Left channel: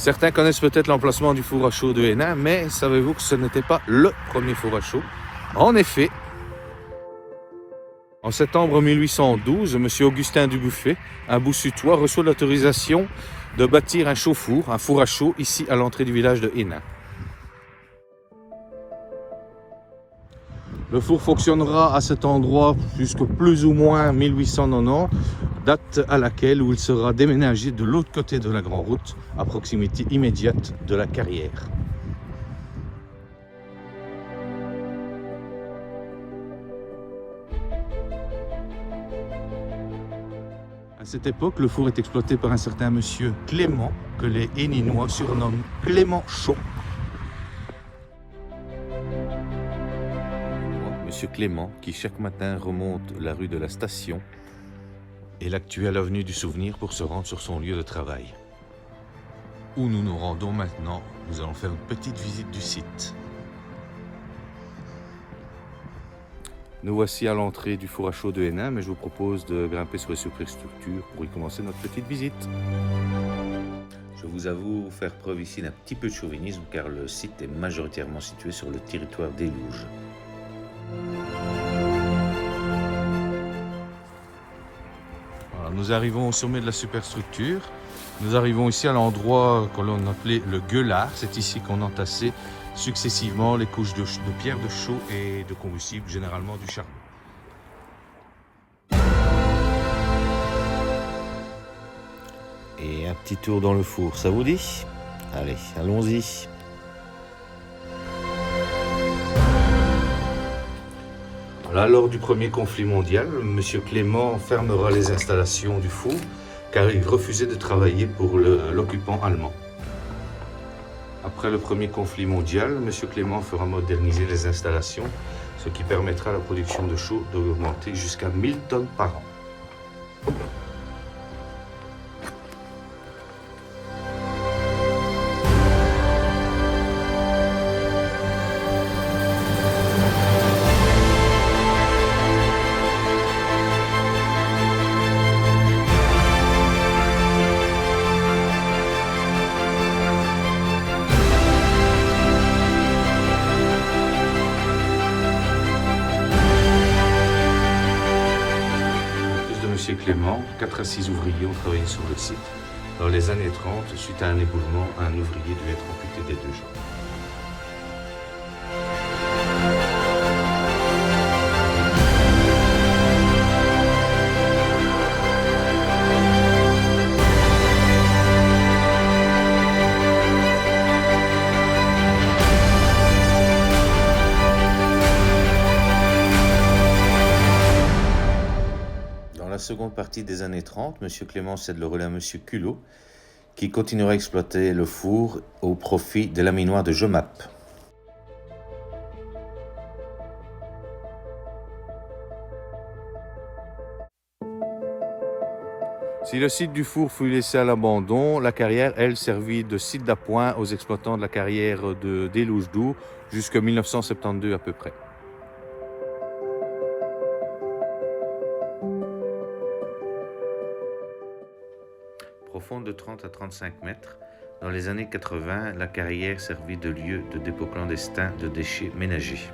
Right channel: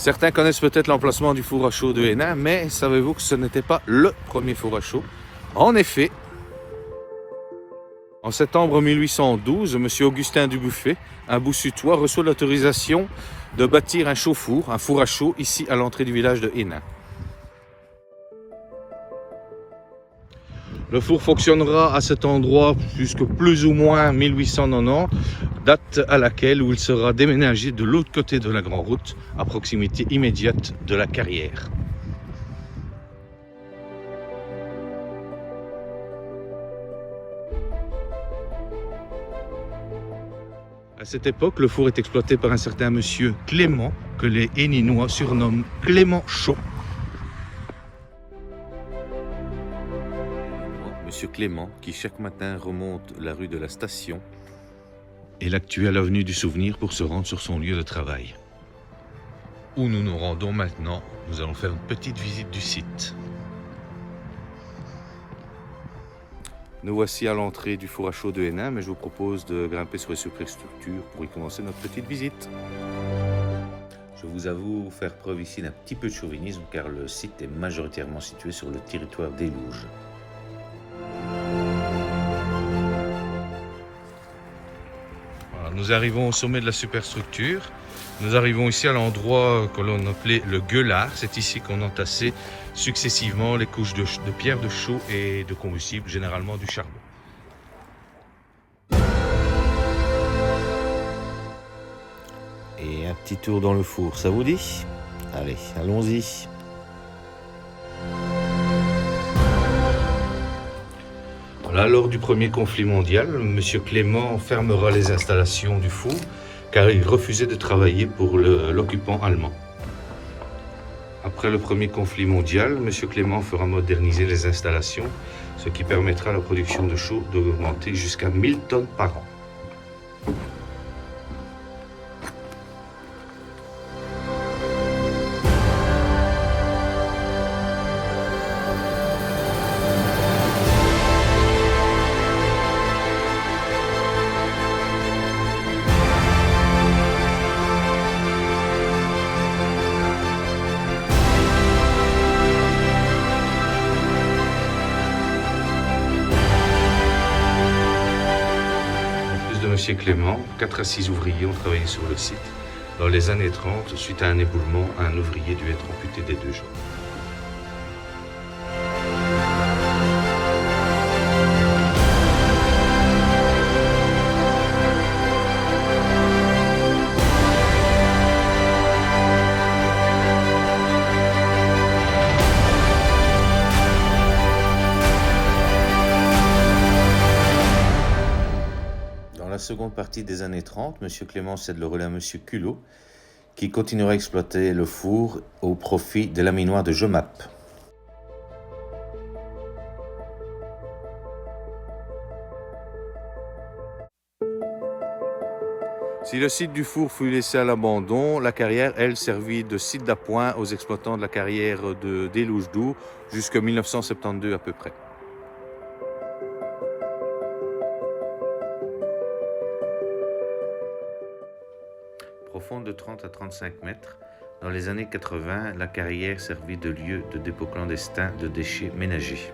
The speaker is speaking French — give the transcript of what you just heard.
Certains connaissent peut-être l'emplacement du four à chaud de Hénin, mais savez-vous que ce n'était pas le premier four à chaud? En effet, en septembre 1812, M. Augustin Dubuffet, un Boussutois, reçoit l'autorisation de bâtir un chauffe-four, un four à chaud, ici à l'entrée du village de Hénin. Le four fonctionnera à cet endroit jusqu'à plus ou moins 1890, date à laquelle il sera déménagé de l'autre côté de la grande route, à proximité immédiate de la carrière. À cette époque, le four est exploité par un certain monsieur Clément, que les Héninois surnomment Clément Chaud. Monsieur Clément, qui chaque matin remonte la rue de la Station et l'actuelle avenue du Souvenir pour se rendre sur son lieu de travail. Où nous nous rendons maintenant, nous allons faire une petite visite du site. Nous voici à l'entrée du four à chaud de Hénin, mais je vous propose de grimper sur les superstructures pour y commencer notre petite visite. Je vous avoue faire preuve ici d'un petit peu de chauvinisme car le site est majoritairement situé sur le territoire d'Élouges. Voilà, nous arrivons au sommet de la superstructure. Nous arrivons ici à l'endroit que l'on appelait le gueulard. C'est ici qu'on entassait successivement les couches de pierre de chaux et de combustible, généralement du charbon. Et un petit tour dans le four, ça vous dit? Allez, allons-y. Voilà, lors du premier conflit mondial, M. Clément fermera les installations du four car il refusait de travailler pour l'occupant allemand. Après le premier conflit mondial, M. Clément fera moderniser les installations, ce qui permettra à la production de chaux d'augmenter jusqu'à 1000 tonnes par an. M. Clément, 4 à 6 ouvriers ont travaillé sur le site. Dans les années 30, suite à un éboulement, un ouvrier dut être amputé des 2 jambes. Dans la seconde partie des années 30, M. Clément cède le relais à M. Culot, qui continuera à exploiter le four au profit de la minoire de Jemap. Si le site du four fut laissé à l'abandon, la carrière, elle, servit de site d'appoint aux exploitants de la carrière d'Élouges-Dour jusqu'en 1972 à peu près. Profonde de 30 à 35 mètres, dans les années 80, la carrière servit de lieu de dépôt clandestin de déchets ménagers.